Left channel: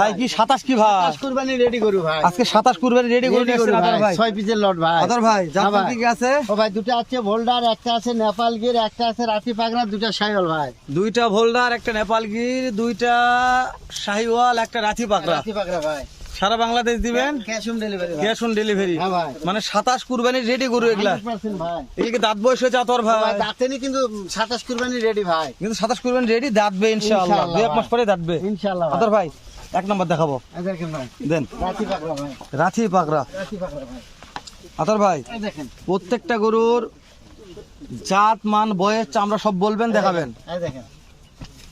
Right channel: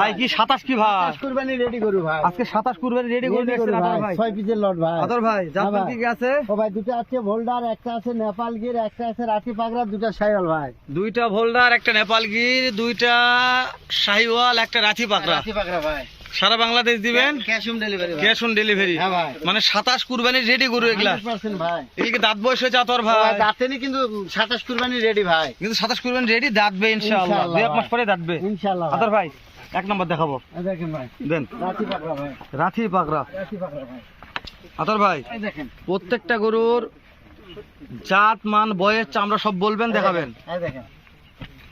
ভাই কি 27 কি ভাই? 27 কুরবানি রেডি করু ভাই। আজকে 27 কুরবানি রেডি করে করু ভাই। 6 পিসের লট ভাই। আদর ভাই জাতমান কি আছে? ও ভাই দুটো আছে ভোল্ডার, একটা আছে নেপাল গির, একটা আছে রাতি পাগড়া, দুটো শাইওয়াল ভাই। দুইটা ভোল্ডার, একটা নেপাল গির, দুইটা শাহিওয়াল, একটা রাথি পাকড়া। রাতি পাগড়া ভাই। সারা বাংলাদেশ দিবেন? Cash on delivery. Cash on delivery. হ্যাঁ ভাই। মানে 27 কুরবানি রেডি গরু এগুলা। 100% ভাই। এদিকে দাঁত বয়স হয়েছে আতর ভাই। ভাই দাঁতেনি কিন্তু 27 কুরবানি রেডি ভাই। কিন্তু 27 কুরবানি রেডি, দাঁতবে ইনশাআল্লাহ। ইনশাআল্লাহ 2 মাস পরে দাঁতবে ইনশাআল্লাহ ভাই। আতর ভাই এক নাম্বার দেখাবো। এই দেখেন ভাই। দেন রাতি পাগড়া ভাই। রাথি পাকড়া। রাতি পাগড়া ভাই। আতর ভাই এই দেখেন। প্রত্যেকটা গরুর জাত মান বয়স চামড়া সব বলবেন, দেখাবেন। এই দেখেন।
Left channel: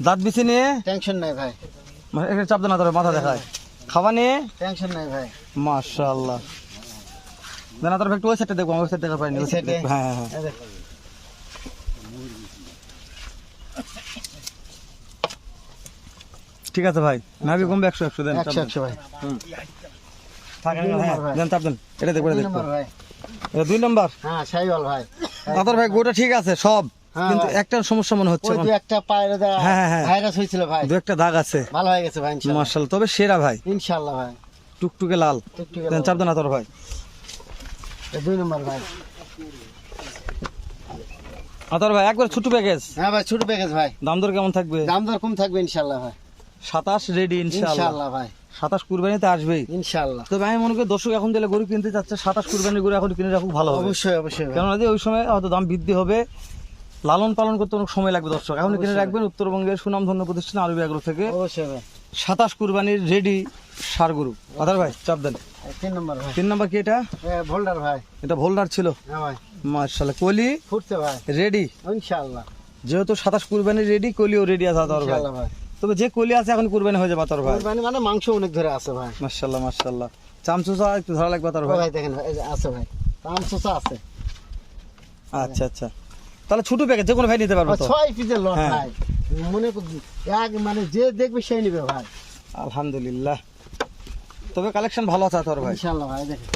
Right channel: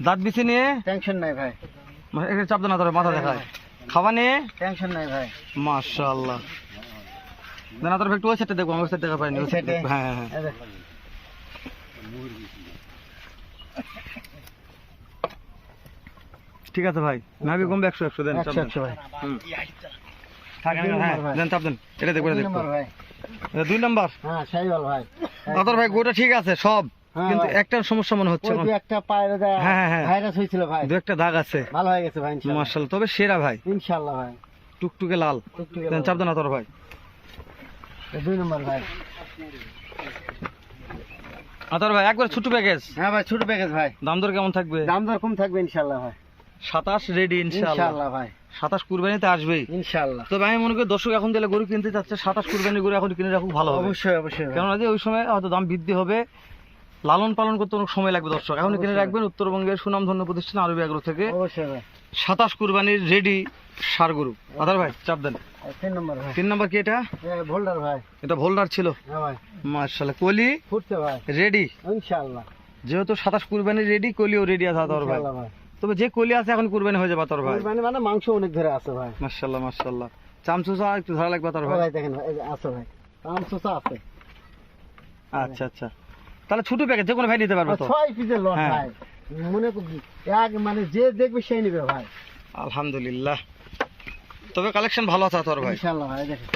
দাঁত বিছি নিয়ে টেনশন নাই ভাই। মানে এটা চাপ দেন আতর, মাথা দেখায়। খাওয়া নিয়ে টেনশন নাই ভাই। মাশাআল্লাহ। দেন আতর ভাই একটু ওই সাইডে দেখবো, আমি ওই সাইডে দেখা পাইনি। এই সাইডে? হ্যাঁ হ্যাঁ এই দেখেন। ঠিক আছে ভাই। নাভি কমবে 100 দেন। 100 ভাই। থাকে না, দুই হ্যাঁ নম্বর ভাই। দেন চাপ দেন। এটা দেখবো, এটা দুই দেখবো। নম্বর ভাই। এটা 2 নাম্বার। হ্যাঁ শাইওয়াল ভাই। আতর ভাই গোটা ঠিক আছে সব, হ্যাঁ কিন্তু ভাই। একটা সমস্যা মনে হচ্ছে। ওই দু একটা পায়ের হ্যাঁ, হ্যাঁ, হ্যাঁ। ভাইরাস হয়েছিল ভাই। দু একটা দাগ আছে। ভালো হয়ে গেছে ভাই ইনশাআল্লাহ। মাশাআল্লাহ, তবে সেরা ভাই, ইনশাআল্লাহ ভাই। টুকটুকে লাল। টুকটুকে দেন চাপ দেন আতর ভাই। 2 নম্বর ভাই। আতর ভাই একবার ছোট প্যাকেজ, হ্যাঁ ভাই ছোট প্যাকেজ ভাই। দাম দর কেমন থাকবে? দাম দর কম থাকবে ইনশাআল্লাহ ভাই। 27 রেডি ইনশাআল্লাহ। ইনশাআল্লাহ ভাই। 27 কুরবানিতে আসবেই। ইনশাআল্লাহ। তবে আমি মনে করি দর্শক এখন যেটা গরু কিনতে চাচ্ছে 27 কুরবানি গরু এখন কিনে রাখুক ভালো হবে। অবশ্যই অবশ্যই ভাই। কেননা যে ওই সময় হয়তো দাম বৃদ্ধি হবে, লালন পালন করতে অনেক সময় লাগবে। দর্শক এখন কিনে অবশ্যই। রাখবেন উত্তরবঙ্গের সুনামধন্য প্রতিষ্ঠান আরবি এগ্রো থেকে অবশ্যই ভাই। 27 কুরবানির রেডি সার গরু। আদার ভাই চাপ দেন। 3 নম্বর ভাই। 3 নাম্বার কি এটা? ভোল্ডার ভাই। এটা ভোল্ডার ছিল। হ্যাঁ ভাই। মাশাআল্লাহ, কলি ফুটছে ভাই। রেডি। ইনশাআল্লাহ। যেহেতু 27 কুরবানি রেডি, কলিও রেডি আছে আদার ভাই। ইনশাআল্লাহ ভাই। তবে যে কলি আছে এখন কুরবানি হয়ে যাবে আদার ভাই। কুরবানি মানে মাংস অনেক ধরে আছে ভাই। মাশাআল্লাহ মাশাআল্লাহ। চামচুসা একটু ধরা লাগবে আদার ও ভাই। ভাই দেখেন ভাই, এই যে আছে ভাই। মাংসটা আছে। আচ্ছা আচ্ছা, তাহলে ছোট প্যাকেজ যে কোনো ভাই নিতে পারবে তো? 6 পিসের লট হ্যাঁ। ভাই। মনে করছি এক মানে যে দেখবে সেই নেবে ভাই। আলহামদুলিল্লাহ, তবে কালেকশন ভালো আছে আতর ভাই। ইনশাআল্লাহ ভাই দেখেন।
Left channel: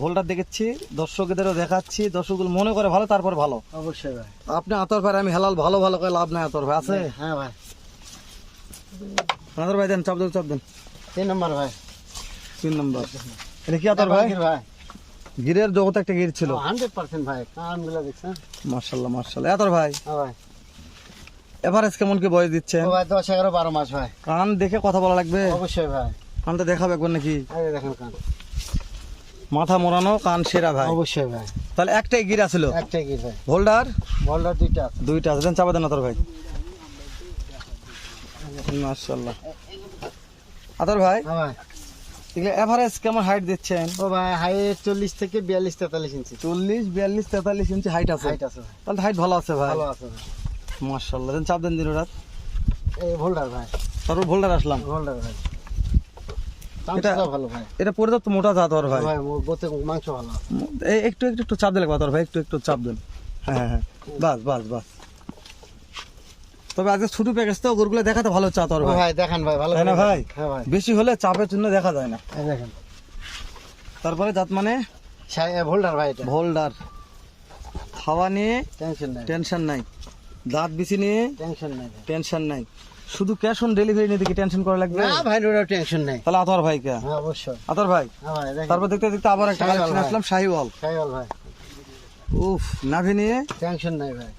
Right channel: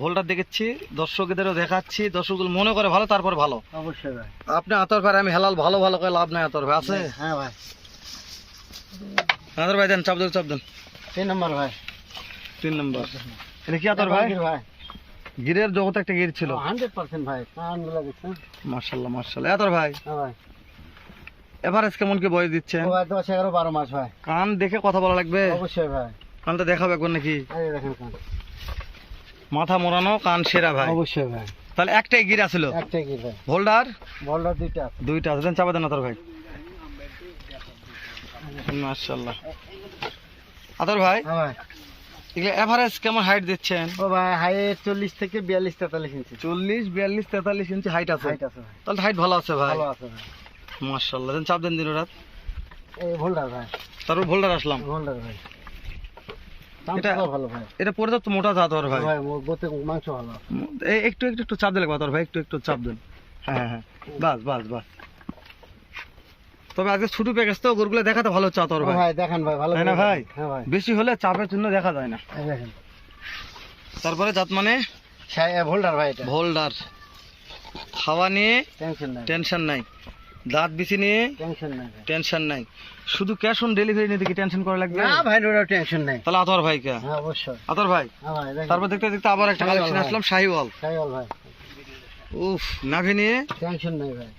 ভোলটা দেখেছি, দর্শকদেরও দেখাচ্ছি, দর্শকগুলো মনে করে ভালো, তারপর ভালো। অবশ্যই ভাই। আপনি আতর ভাই আমি হেলাল ভালো ভালো করে লাভ নাই আতর ভাই আছে। হ্যাঁ ভাই। আতর ভাই দেন চাপ দেন চাপ দেন। 3 নম্বর ভাই। 3 নম্বর। এটা কি আতর ভাই? ভাই। গিরের জগতে একটা গির ছিল। 100% ভাই। কানগুলো দেখছেন? মাশাআল্লাহ মাশাআল্লাহ। আতর ভাই হ্যাঁ ভাই। এভারেজ কেমন কি বয়স দিচ্ছেন? ও ভাই 10 11 12 মাস ভাই। কান দেখে কথা বলা লাগবে। অবশ্যই ভাই। কানটা দেখাবে একবার নাকি? এই যে দেখেন কান। মাথা মোড়ানো, কান সেরা ভাই। অবশ্যই ভাই। তাহলে একটাই গিরা ছিল। একটাই কি ভাই। ভোল্ডার বলটা দুইটা আছে। দুইটা আছে, দেন চাপা দেন আতর ভাই। মাশাআল্লাহ। আতর ভাই হ্যাঁ ভাই। এগুলো এভারেজ কেমন হাইট দিচ্ছেন? ও ভাই হাইট 40 থেকে 42 43 ইঞ্চি 40 42 43 ইঞ্চি হাইট আছে। হাইট আছে ভাই। তাহলে হাইট ভালো আছে ভাই। ভালো আছে ভাই। মাশাআল্লাহ, দেন চাপ দেন দিন রাত। এই ভোল্ডার ভাই। তারপর ভোল্ডার আসলাম। ভোল্ডার ভাই। এটা- মাংসটা ভালো ভাই। এটা পর্যাপ্ত মোটা জাত আর ভাই। ভাই গোতে মাংস ভালো। এই একটু একটু একটু চাপ দিলে কথা ভাই, একটু একটু চাপ দেন। হ্যাঁ হ্যাঁ বাস বাস বাস। তবে আজকে ছোট প্যাকেজ তো গরুগুলো দেখাতে ভালো চাত আর ও ভাই। ভাই দেখেন ভাই ভালো তাই না করে ভাই? দেখেন। হ্যাঁ ভাই। বেশি হলে চাপের জন্য দেখা যায় না। এই দেখেন। তারপরে জাত মানে ভোল্ডার ভাই এটা। ভোল্ডার। খাওয়া নিয়ে টেনশন নাই। টেনশন নাই, দাঁত বিছি নিয়ে টেনশন নাই ভাই। টেনশন নাই। শুধু ক্যাশ অন ডেলিভারি নিয়ে দেখি টেনশন করা লাগবে। না ভাই ওটা টেনশন নাই। তাহলে আতর ভাই কে? হ্যাঁ অবশ্যই। আতর ভাই হ্যাঁ ভাই দেখেন। তারপর দেখতে দেখতে আবার একটা শাহিওয়াল কালেকশন ভাই। আসলাম শাহিওয়াল। শাইওয়াল ভাই। উফ, নাভি নিয়ে টেনশন নাই ভাই।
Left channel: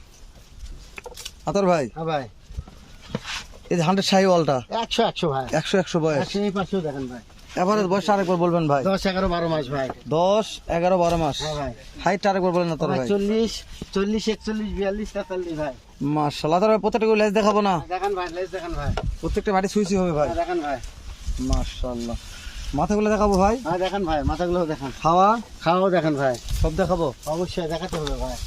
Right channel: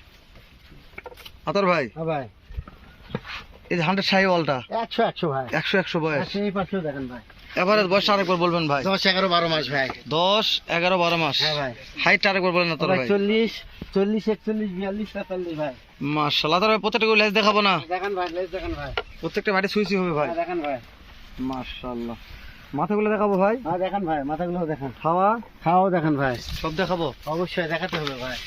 আতর ভাই হ্যাঁ ভাই। এই যে 100 শাহিওয়ালটা 100 ভাই। 100 বয়স। 100 এই পাশেও দেখেন ভাই। এভারেজ বয়স আরেকবার বলবেন ভাই। 10 11 12 মাস ভাই। 10 11 12 মাস। হ্যাঁ ভাই। হাইট আরেকবার বলেন আতর ভাই। 40 41 42 43 ভাই। মাশাআল্লাহ। আতর ভাই প্রত্যেকটা লেজ দেখাবো না? দেখেন ভাই লেজ দেখেন ভাই। প্রত্যেকটা বাড়ি সুইসি হবে ভাই। হ্যাঁ দেখেন ভাই। মাশাআল্লাহ। মাথাগুলো দেখাবো ভাই। হ্যাঁ দেখেন ভাই মাথাগুলো দেখেন। খাওয়া খাওয়াও দেখেন ভাই। সব দেখাবো। অবশ্যই দেখাতে হবে ভাই।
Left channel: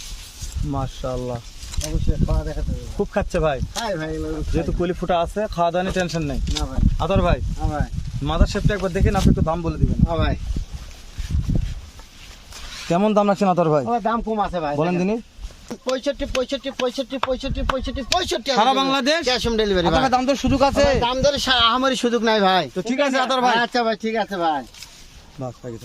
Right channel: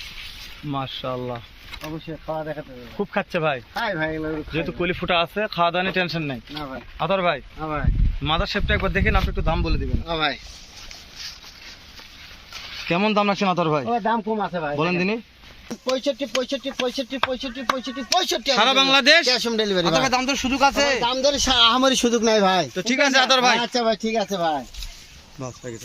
মাশাআল্লাহ, অবশ্যই খাওয়া দেখাতে হবে। খুব খাচ্ছে ভাই। হাই ভাই এগুলো যেহেতু কলি ফুটা আছে, খাওয়া দাওয়া নিয়ে টেনশন নাই। না ভাই। আতর ভাই হ্যাঁ ভাই। মাদার শেপটা একবার দেখেন, আপনি একটু দাম বলে দিবেন। হ্যাঁ ভাই। কেমন দাম রাখছেন আতর ভাই? ও দাম কম আছে ভাই। বলেন দিনই। 65 65 65 65 65 65 সারা বাংলাদেশ ক্যাশ অন ডেলিভারি আতর ভাই। ভাই দাম তো সুযোগ আছে। দাম ধরে আমারই সুযোগ নাই ভাই। তো ঠিক আছে আতর ভাই। আচ্ছা ভাই ঠিক আছে ভাই। বাস হয়ে গেছে।